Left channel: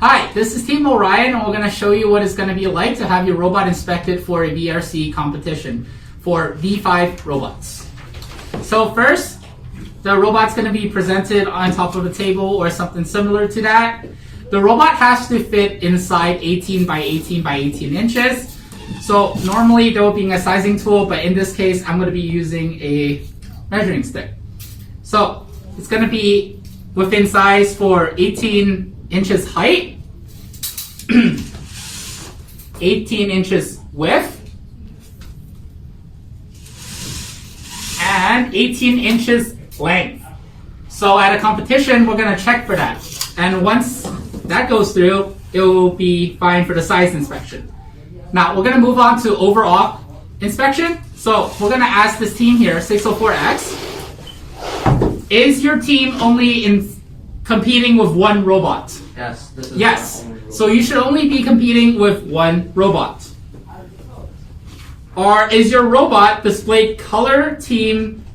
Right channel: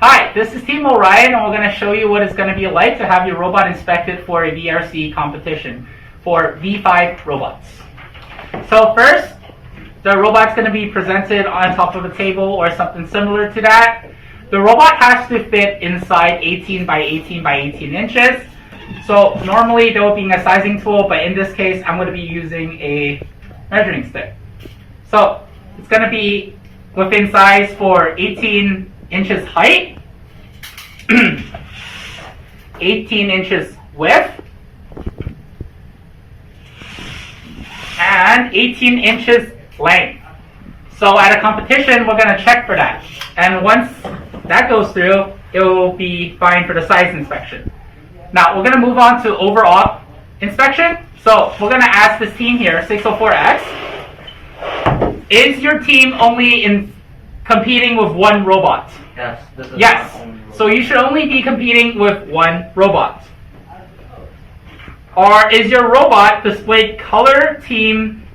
Hi, this is Team ORION, and we're going to show you what it's going to be like to have your robot inspected for a VRC competition for V5 robots. So first, the robot's going to be presented on top of a table or something similar to that. The robot has to fit inside 18 by 18 by 18 inches. So normally there will be a sizing tool, but in this case, I'm going to be using a measuring stick. So it's going to be within size for 18 inches height, 18 inches width, and 18 inches length. So at a competition, we're going to check for that. And once that goes through, it will be fine for the size inspection. Now, we're going to move on to overall inspection. So we're going to ask this team here, 604X, is your team only competing with one robot? Yes. Yes. So you should only be competing with one robot. Or is your robot displayed color team,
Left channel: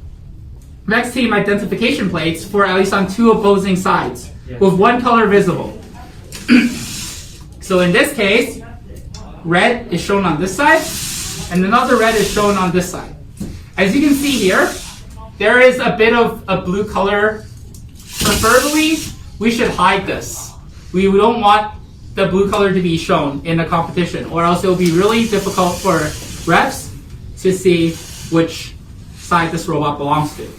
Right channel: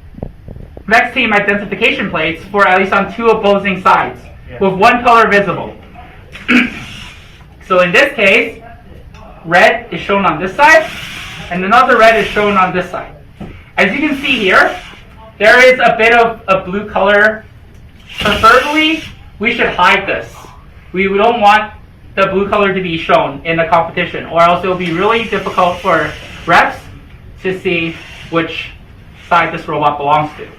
VEX team identification plates for at least on two opposing sides, with one color visible? So in this case, red is shown on this side, and another red is shown on this side. As you can see here, there is a bit of a blue color. Preferably, we should hide this. We don't want the blue color to be shown in the competition, or else it will be really difficult for refs to see which side this robot belongs to.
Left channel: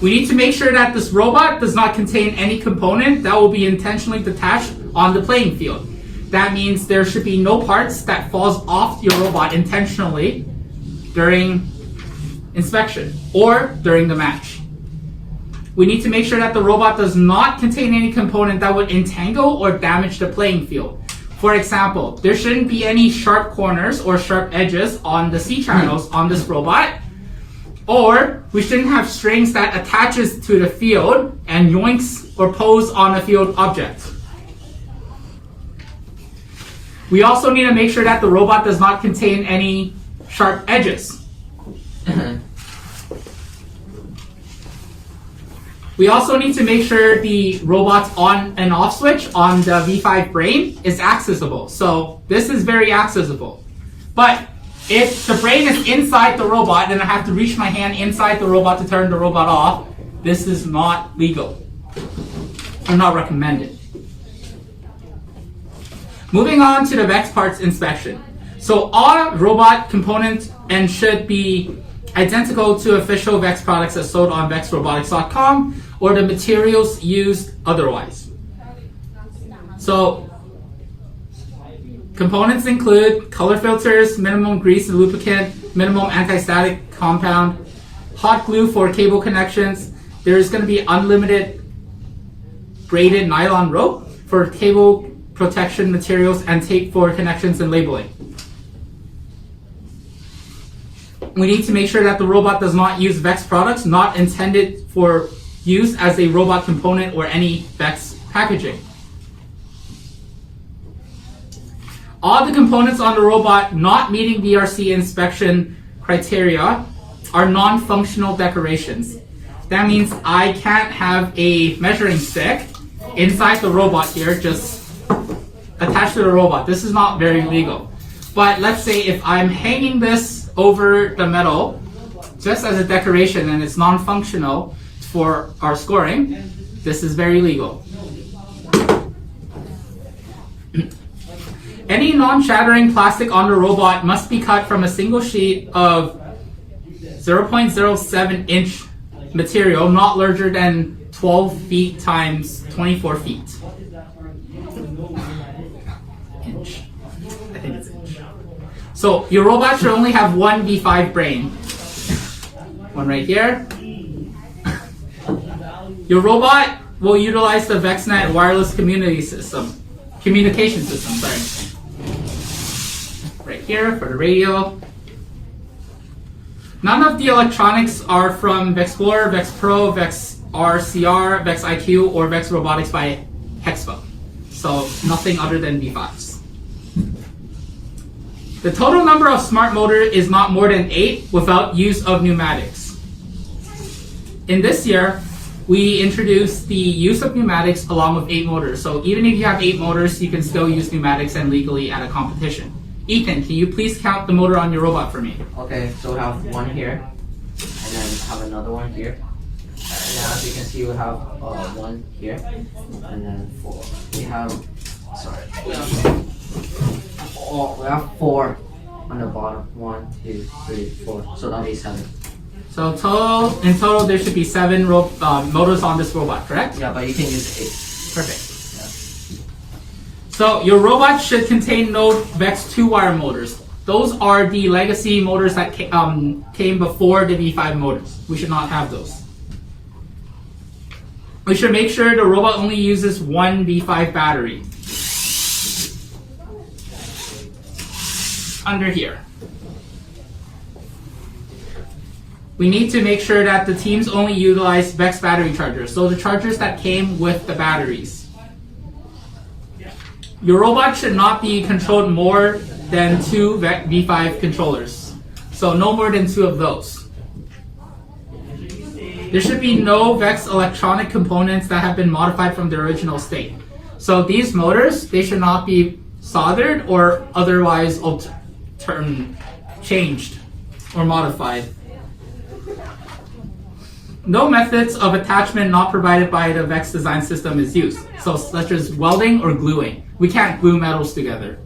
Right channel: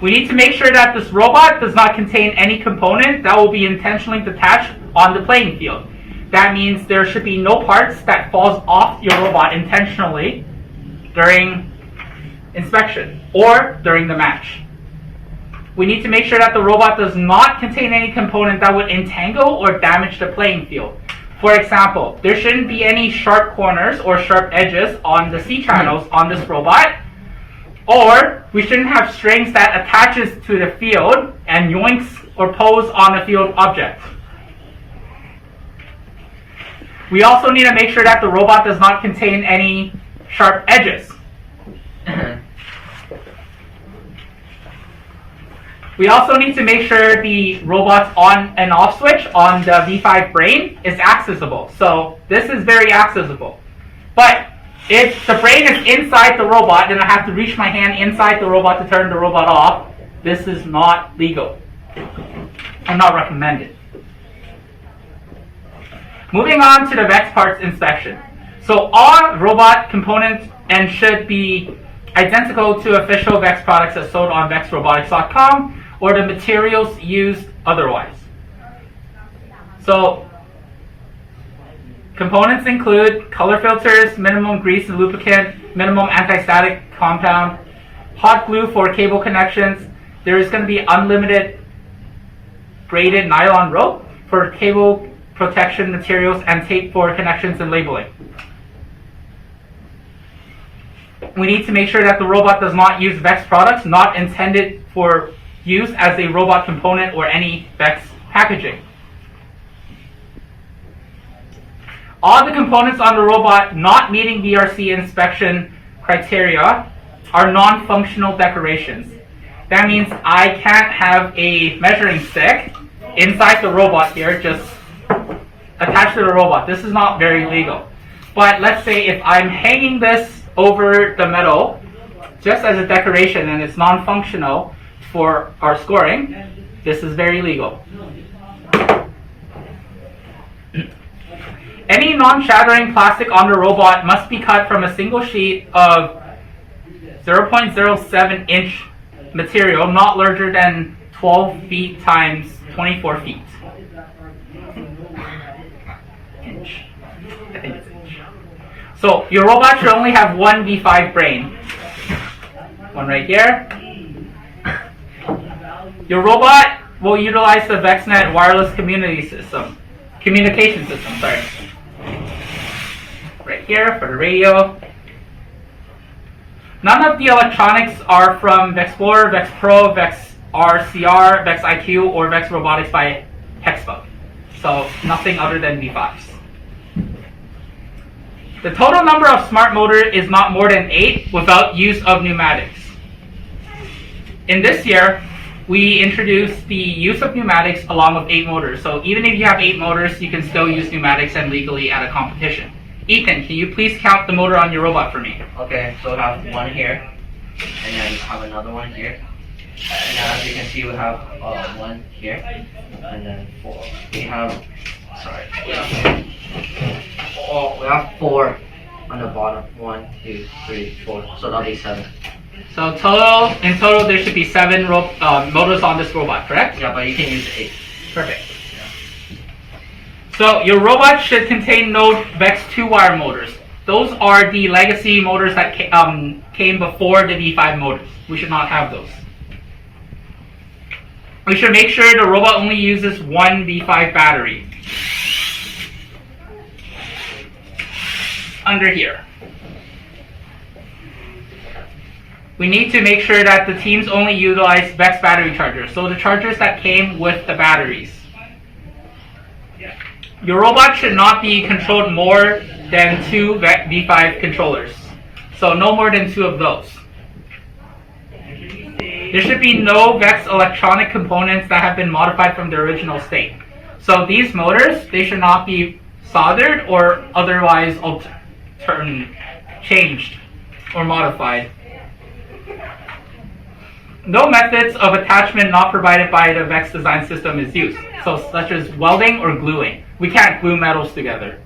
We need to make sure that this robot does not contain any component that will be intentionally detached on the playing field. That means there should be no parts that falls off your robot intentionally during inspection or during the match. We need to make sure that the robot does not contain any component that would entangle or damage the playing field. For example, there shouldn't be any sharp corners or sharp edges on the C channels on this robot, or we shouldn't have strings that attaches to the field and yoinks or pulls on a field object. We also need to make sure that the robot does not contain any sharp edges. We also need to make sure the robot's on and off switch on the V5 brain is accessible. So this is very accessible. But if the brain is inside the robot and I have to reach my hand inside the robot to turn the robot off, this is not legal. I'm not recommended. Moving on to the VEX parts inspection. So all robot components and should be identical to official VEX products as sold on VEXRobotics.com or the materials used otherwise. So components include color filters, minimum grease and lubricant, minimum anti-static compound, hot glue for cable connections. There is going to be unlimited braided nylon rope for cable protection materials, and tape for connections and labeling. We need to make sure that the robot does not use VEX products not intended for use as a robot component or any VEX packaging. All the components on the robot not meeting VRC inspection criteria are non-functional decorations. That means I can't have a measuring stick inside the robot here just attached to the robot. This is not very legal. But let's say if I'm hanging this over the metal just as a decoration and it's non-functional for our scoring, this is very legal. Any non-shattering plastic on the robot must be cut from a single sheet of 0.07 inch material, not larger than 12 feet times 24 feet. Inch. I think it's inch. So your robot should only have one V5 brain. One right here. Your robot will utilize the VEXnet wireless communication system, right here for the radio. None of the electronics are from VEX Explorer, VEX Pro, VEX RCR, VEX IQ, or VEX Robotics by Hexpo. So nothing other than V5s. The total number of smart motor is not more than 8 without use of pneumatics. In this year, we introduced the use of pneumatics along with 8 motors. So even if you have 8 motors, you can still use pneumatics and legally at a competition. Ethan, can you please count the motor on your robot for me? Okay, so we have one here, and then we have another one here. And now as you can see, we have one here, and then 4. We have, we have 4 on the bottom. 1, 2, 3, 4. So that'll be 7. So in total, there should be 7 motors on this robot, correct? Yeah, but you can use 8. Perfect. So your robot should contain no VEX 2-wire motors. Those are the legacy motors that came before the V5 motors. We should not have those. We should make sure the robot only uses one V5 battery. Under here. We need to make sure that the teams only utilize VEX battery chargers, so the chargers that came with the batteries. Your robot should not be controlled more than 2 V5 controllers, so no more than 2 of those. There should be no VEX electronic components that have been modified from the original state. So these motors, they should not be soldered or otherwise changed or modified. No methods of attachment not provided by the VEX design system is used, so such as welding or gluing. We can't glue metals together.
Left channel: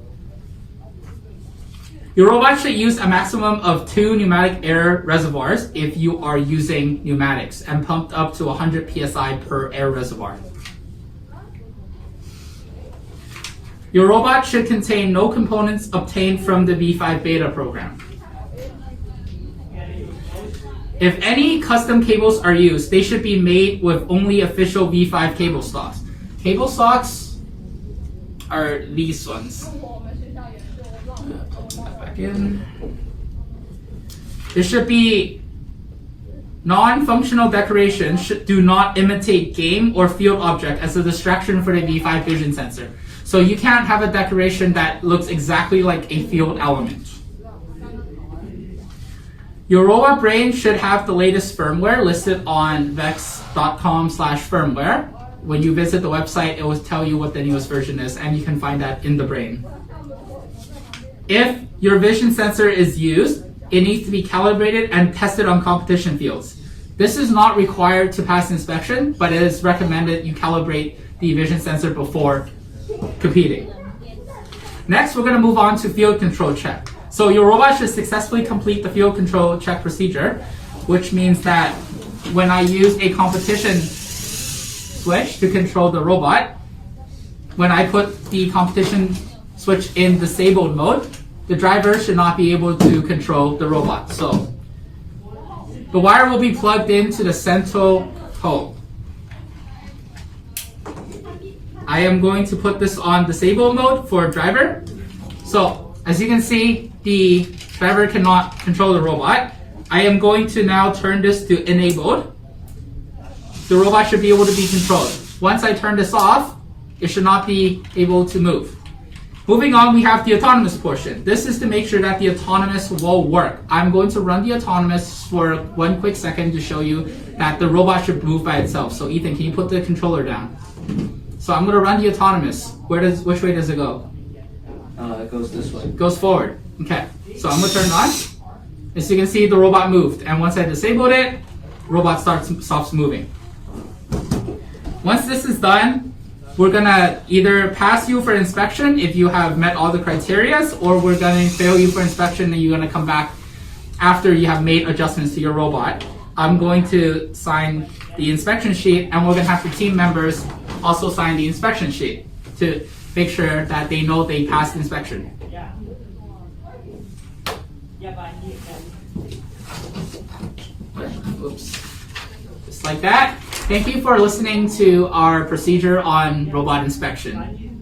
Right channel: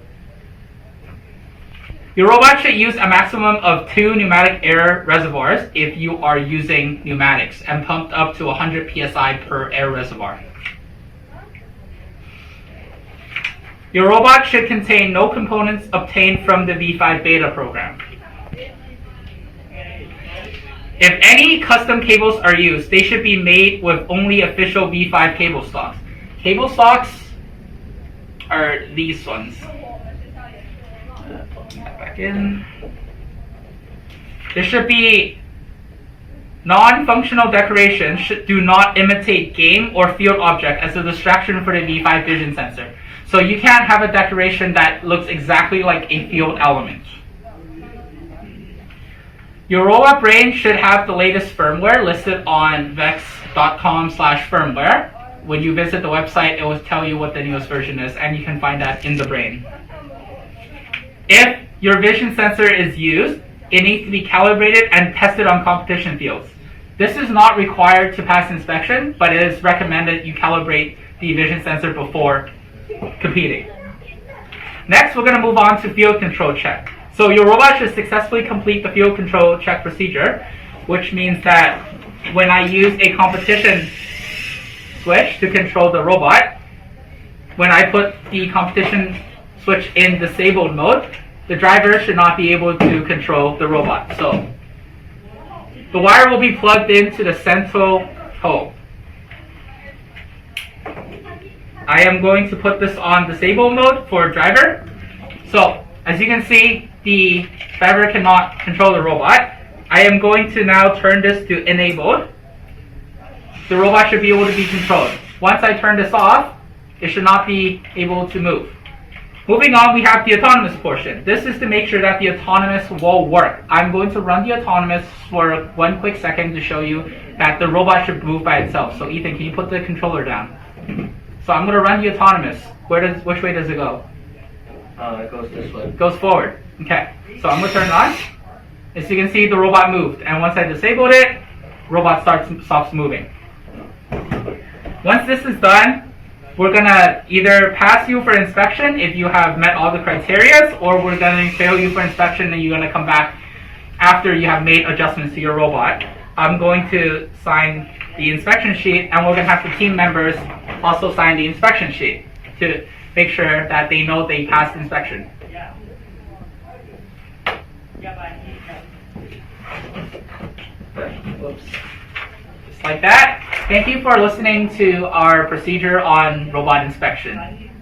Your robot should use a maximum of 2 pneumatic air reservoirs if you are using pneumatics and pumped up to 100 psi per air reservoir. Your robot should contain no components obtained from the V5 beta program. If any custom cables are used, they should be made with only official V5 cable stocks. Cable stocks are these ones. Back in. There should be non-functional decorations do not imitate game or field object as a distraction for the V5 vision sensor. So you can't have a decoration that looks exactly like a field element. Your robot brain should have the latest firmware listed on vex.com/firmware. When you visit the website, it will tell you what the newest version is, and you can find that in the brain. If your vision sensor is used, it needs to be calibrated and tested on competition fields. This is not required to pass inspection, but it is recommended you calibrate the vision sensor before competing. Next, we're going to move on to field control check. So your robot should successfully complete the field control check procedure, which means that when I use a competition switch to control the robot, when I put the competition switch in disabled mode, the driver should not be able to control the robot. So the wire will be plugged into the central hole. I am going to put this on disabled mode for driver. So as you can see, the driver cannot control the robot. I am going to now turn this to enabled. The robot should be able to be controlled. Once I turn this off, it should not be able to move. Moving on, we have the autonomous portion. This is to make sure that the autonomous will work. I'm going to run the autonomous for 1 quick second to show you that the robot should move by itself. So Ethan, can you put the controller down? So I'm going to run the autonomous. Which way does it go? It goes this way. It goes forward. Okay. So I'm going to turn it on. As you can see, the robot moved. And once I disabled it, robot stops moving. Once this is done, we're going to either pass you for inspection if you have met all the criteria, or we're going to fail you for inspection and you're going to come back after you have made adjustments to your robot. I'm going to sign the inspection sheet, and we're going to have the team members also sign the inspection sheet to make sure that they know they passed inspection. Oops. Just like that. Thank you for listening to our procedure on robot inspection.